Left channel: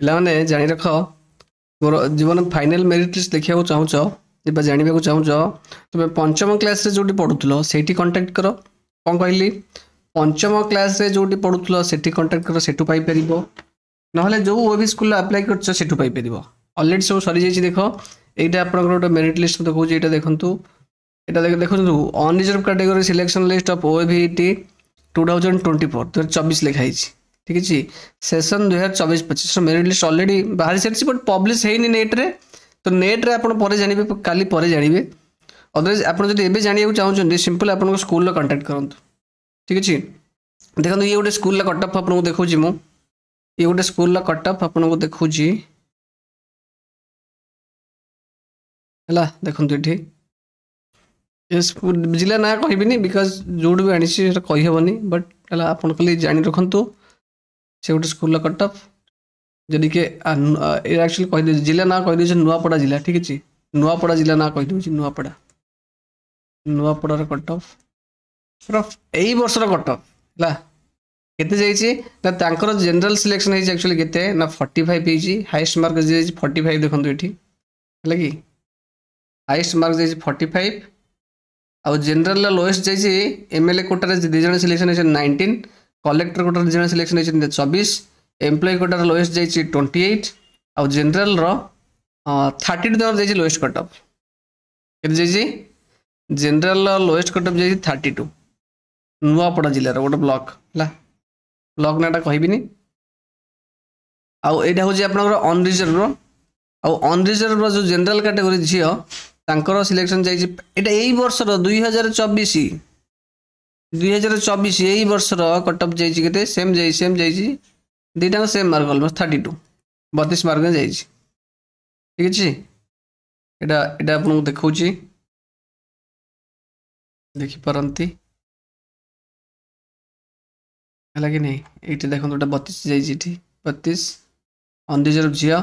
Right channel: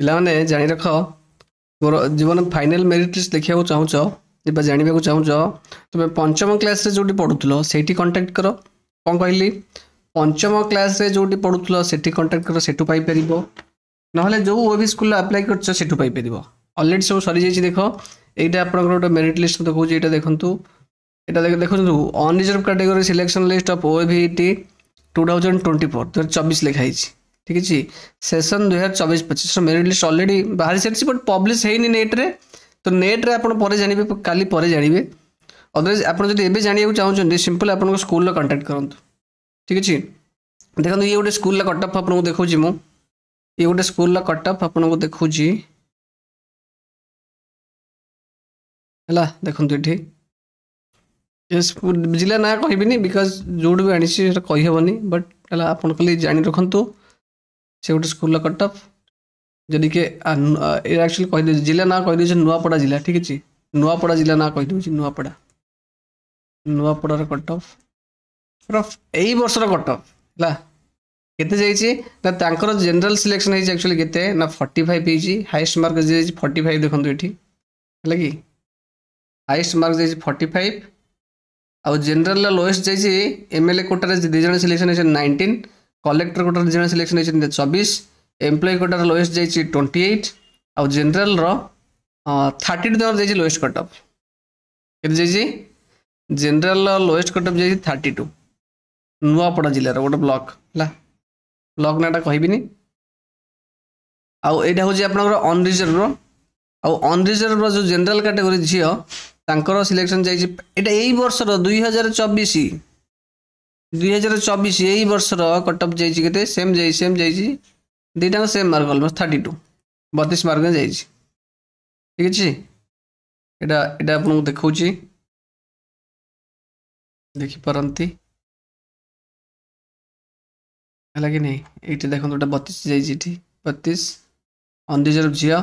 ପିଲାମାନେ ଜାଣି ରଖ, ମୋର ଜୀବନ ଫାଇନାଲ ମେରିଟ୍ ଲିଷ୍ଟ ଦେଖିବାକୁ ଚାହୁଁଛ କିମ୍ବା ଜାଣିବାକୁ ଚାହୁଁଛ, ତୁମେ ପଞ୍ଚମ କ୍ଲାସରେ ଯୋଉଠି ପଢୁଥିଲ ସେଇଠି କଣ୍ଟାକ୍ଟ କର। କ'ଣ କହିଲି? ପଞ୍ଚମ କ୍ଲାସରେ ଯୋଉଠି ପଢୁଥିଲ ସେଠି କଣ୍ଟାକ୍ଟ କର, ସେଠୁ ପାଇପାରିବ। ନହେଲେ ଯୋଉ ଓଏବି ସ୍କୁଲରେ ଆପ୍ଲାଏ କରିଛ ସେଠୁ ପାଇପାରିବ। ଅଲରେଡି ସବୁ ସରିଯାଇଛି। ଦେଖ, ଏଇଟା ଆପଣଙ୍କର ଗୋଟେ ମେରିଟ୍ ଲିଷ୍ଟ ଦେଖଉଛି। ଏଇଟା ଦେଖନ୍ତୁ, এটা ଦେଖନ୍ତୁ unreserved category selection list of OAVT 2024 2024 ଲେଖା ହେଇଛି। ঠিক ଅଛି, ସେସନ 2024-25 ମେରିଟ୍ ଲିଷ୍ଟ ଅଲରେଡି ବାହାରି ସାରିଛି, ବଟ୍ ପବ୍ଲିଶ ହେଇନି ନେଟ୍ରେ। ତ ନେଟ୍ରେ ଆପଣ ପରେ ଜାଣିବେ, କାଲି ପରେ ଜାଣିବେ। ଅଦରୱାଇଜ ଆପଣ ଯଦି ଏବେ ଜାଣିବାକୁ ଚାହୁଁଛନ୍ତି ସିମ୍ପଲ ଆପଣଙ୍କ ସ୍କୁଲର କଣ୍ଟାକ୍ଟ କରନ୍ତୁ। ঠিক ଅଛି, ଦେଖନ୍ତୁ ଇଏ ଗୋଟେ ସ୍କୁଲର କଟଅଫ୍ ଆପଣଙ୍କୁ ଦେଖଉଛି। ମୁଁ ଇଏ ଗୋଟେ ସ୍କୁଲର କଟଅଫ୍ ଆପଣଙ୍କୁ ଦେଖଉଛି ହେଲା। ଦେଖନ୍ତୁ ଏଠି ଜିଲ୍ଲା ନା କହିବିନି, ବିକଜ ଯୋଉଠୁ ବି ଆଣିଛି ସେଟା କହିହେବନି, ବଟ୍ ହେଲା ଆପଣ ଖାଲି ଜାଣି ରଖନ୍ତୁ ସେ ଗୋଟେ ସ୍କୁଲର କଟଅଫ୍। ଯଦି କିଏ ଆକ୍ଚୁଆଲି କହିଦେଉଛି ଜିଲ୍ଲା ନା କହିଦେଉଛି ନୂଆପଡ଼ା ଜିଲ୍ଲା। ଠିକ୍ ଅଛି, ନୂଆପଡ଼ା ଜିଲ୍ଲା ନା କହିଦେଉଛି ନୂଆପଡ଼ା। ନୂଆପଡ଼ାର କଟଅଫ୍ ଏଇ ବର୍ଷର କଟଅଫ୍ ହେଲା। କେତେ ଯାଇଛି ନା ତାଙ୍କର ଜେନେରାଲ ସିଲେକ୍ସନ ହେଇଛି ଆକ୍ଚୁଆଲି କେତେ ନା 45 ହେଇଛି। ହାଇଏଷ୍ଟ ମାର୍କ ଯାଇଛି 45। ଦେଖନ୍ତୁ ଏଠି ହେଲା କି ହାଇଏଷ୍ଟ ମାର୍କ ଯାଇଛି 45। ଆଉ ଜେନେରାଲ ଲୋଏଷ୍ଟ ଯାଇଛି ଏମଏଲଏ କୋଟାରେ 2 ଜଣ ସିଲେକ୍ସନ ହେଇଛନ୍ତି 19, କଲେକ୍ଟର କୋଟାରେ 2 ଜଣ ସିଲେକ୍ସନ ହେଇଛନ୍ତି 24, ଏମ୍ପ୍ଲୟି କୋଟାରେ ଲୋଏଷ୍ଟ ଯାଇଛି 28, ଆଉ ଜେନେରାଲର 32 ଜଣ ଯାଇଛି ଲୋଏଷ୍ଟ କଟଅଫ୍। କେତେ ଯାଇଛି? ଜେନେରାଲର ଲୋଏଷ୍ଟ କଟଅଫ୍ ଯାଇଛି 32। ନୂଆପଡ଼ା ଜିଲ୍ଲାର ଗୋଟେ ବ୍ଲକ ହେଲା, ବ୍ଲକ ନାଁଟା କହିବିନି। ଆଉ ଏଇଟା ହେଉଛି ଆପଣଙ୍କର ଅନରିଜର୍ଭର। ଆଉ ଅନରିଜର୍ଭର ଯୋଉ ଜେନେରାଲ କାଟେଗୋରୀ ଝିଅ ତାଙ୍କର ସିଲେକ୍ସନ ଯାଇଛି, ଏଇଟା ଏଇ ବର୍ଷର 2024 ଏଇ ବର୍ଷର କଟଅଫ୍ ଯାଇଛି କେତେ? ସେମ୍ ଯାଇଛି ଦୁଇଟାଙ୍କ ସେମ୍ ମାର୍କ ଅଲମୋଷ୍ଟ 32, 32 ମାର୍କ ଯାଇଛି। ଠିକ୍ ଅଛି, ଏଇଟା ଆପଣଙ୍କୁ ଦେଖଉଛି, ଦେଖିପାରନ୍ତି ହେଲା କି ନାହିଁ। ଏଇଠି ଦେଖନ୍ତୁ ଏଇଟା 32 ଯାଇଛି, ଏଠି 32 ଅନରିଜର୍ଭ ଝିଅ,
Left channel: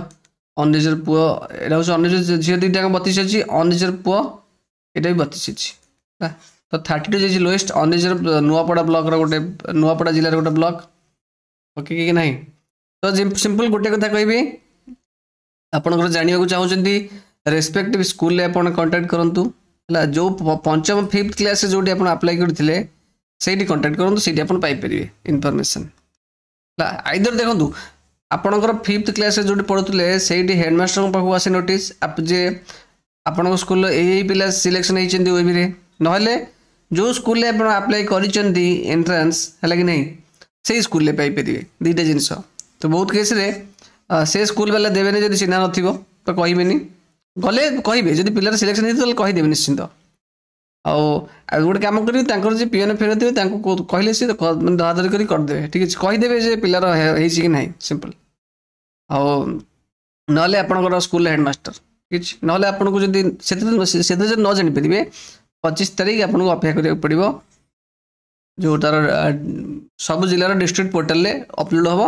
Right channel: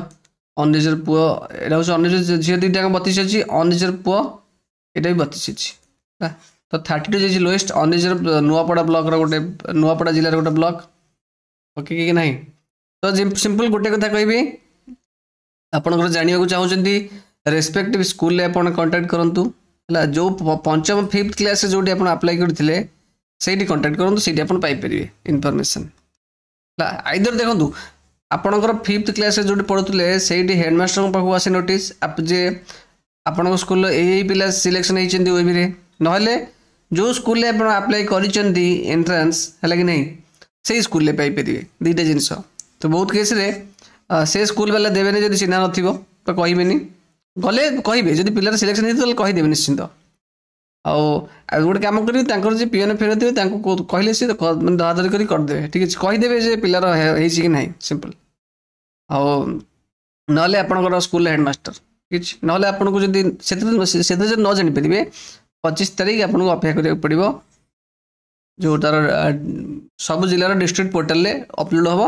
ଅନରିଜର୍ଭ ପୁଅ। ଏଇଟା ହେଉଛି ଅନରିଜର୍ଭ ଝିଅ ଦୁଇଟାଙ୍କ 32 ଅଛି, ଅନରିଜର୍ଭ ପୁଅ ଏଇଟା ବି 32 ଅଛି। ତ 32 ଯାଇଛି ଲୋଏଷ୍ଟ। ଅନରିଜର୍ଭ ନୂଆପଡ଼ା ବ୍ଲକର ଗୋଟେ, ନୂଆପଡ଼ା ଜିଲ୍ଲାର ଗୋଟେ ବ୍ଲକ। ଓକେ କି ନାହିଁ? ତ ସିମ୍ପଲ ଗୋଟେ କଥା କହିବି, ଆପଣଙ୍କର ଜାଣିବାକୁ ଚାହୁଁଛନ୍ତି ରେସ୍ପେକ୍ଟିଭ ସ୍କୁଲରେ ଆପଣ କଣ୍ଟାକ୍ଟ କରନ୍ତୁ ହେଲା। ଯୋଉ ପଞ୍ଚମ 5th କ୍ଲାସରେ ଯୋଉଠି ଆପଣ ଆପ୍ଲାଏ କରିଥିଲେ ସେଇଠି କଣ୍ଟାକ୍ଟ କରନ୍ତୁ, ସେଇଠି ଆପଣ ପାଇପାରିବେ ଇନଫର୍ମେସନ୍ ହେଲା। ଆଇଦର ଦେଖନ୍ତୁ ଆପଣଙ୍କର 5th କ୍ଲାସରେ ଯୋଉଠି ପଢୁଥିଲେ ସେଇଠି ହେଡମାଷ୍ଟରଙ୍କ ପାଖକୁ ଆସେ ନୋଟିସ୍ ଯେ ଆପଣଙ୍କ ସ୍କୁଲର ଏଇ ପିଲା ସିଲେକ୍ସନ ହେଇଛନ୍ତି ଓଏବିରେ, ନହେଲେ ଯୋଉ ସ୍କୁଲରେ ଆପଣ ଆପ୍ଲାଏ କରିଛନ୍ତି ଏଣ୍ଟ୍ରାନ୍ସ ହେଲା କି ନାହିଁ ସେଇ ସ୍କୁଲରେ ପାଇପାରିବେ। ଦୁଇଟା ଜିନିଷ। ତ ବହୁତ କେସ୍ରେ ସେ ସ୍କୁଲ ବାଲା ଦେବେନି ଯଦି ଚିହ୍ନା ନଥିବ ତ କହିବେନି, ଗଲେ କହିବେ ଯଦି ପିଲାର ସିଲେକ୍ସନ ହେଇଥିବ ତାହେଲେ କହିଦେବେ ନିଶ୍ଚିନ୍ତ। ଆଉ ଗୋଟେ କାମ କରିବେ, ତାଙ୍କର ଯେ ପିଅନ ଫିଅନ ଥିବେ ତାଙ୍କୁ କହିଲେ ସେ ମାନେ ଧରାଧରି କରି କରିଦେବେ। ଠିକ୍ ଅଛି, କହିଦେବେ ଯେ ପିଲାର ହେଇଛି କି ନାହିଁ, ସିମ୍ପଲ। ଆଉ ନହେଲେ ଆପଣଙ୍କର ସ୍କୁଲର ହେଡମାଷ୍ଟର। ଠିକ୍ ଅଛି, ନହେଲେ ଆପଣଙ୍କୁ ଯଦି ସେଥିରେ ଯଦି ନ ଜାଣିପାରିବେ 25 ତାରିଖ ଆପଣଙ୍କୁ ଅପେକ୍ଷା କରିବାକୁ ପଡ଼ିବ। ଯୋଉ ତାର ସବୁ ଜିଲ୍ଲାର ଡିଷ୍ଟ୍ରିକ୍ଟ ପୋର୍ଟାଲରେ ଅପଲୋଡ ହବ,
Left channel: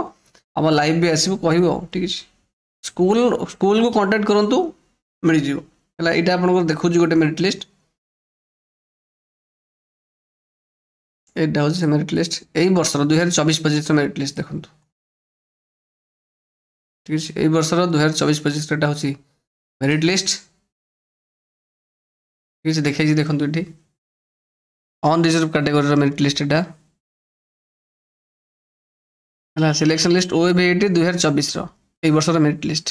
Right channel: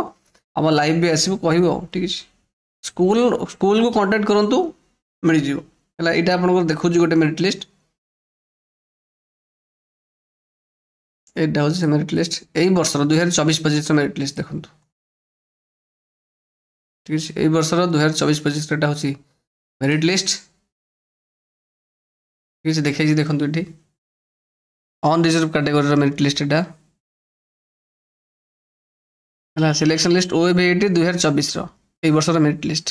ଆମ ଲାଇଭ୍ ବି ଆସିବ, କହିବ। ଠିକ୍ ଅଛି, ସ୍କୁଲକୁ କଣ୍ଟାକ୍ଟ କରନ୍ତୁ, ମିଳିଯିବ ହେଲା। ଏଇଟା ଆପଣଙ୍କର ଦେଖୁଛି ଗୋଟେ ମେରିଟ୍ ଲିଷ୍ଟ। ଏଇଟା ହେଉଛି ସେ ମେରିଟ୍ ଲିଷ୍ଟ ଏଇ ବର୍ଷର 2024-25 ମେରିଟ୍ ଲିଷ୍ଟ ଦେଖନ୍ତୁ। ଠିକ୍ ଅଛି, ଏଇ ବର୍ଷର 2024-25 ଏଇଟା ହେଉଛି ମେରିଟ୍ ଲିଷ୍ଟ। ଠିକ୍ ଅଛି, ଦେଖେଇଛି ଦେଖନ୍ତୁ ଏଠି ଅନରିଜର୍ଭ କାଟେଗୋରୀର ମେରିଟ୍ ଲିଷ୍ଟ ଏଇଟା ହେଲା। ସିଲେକ୍ସନ ଲିଷ୍ଟ ଓଏବିଟି 2024ର ଏଇ ବର୍ଷର ମେରିଟ୍ ଲିଷ୍ଟ।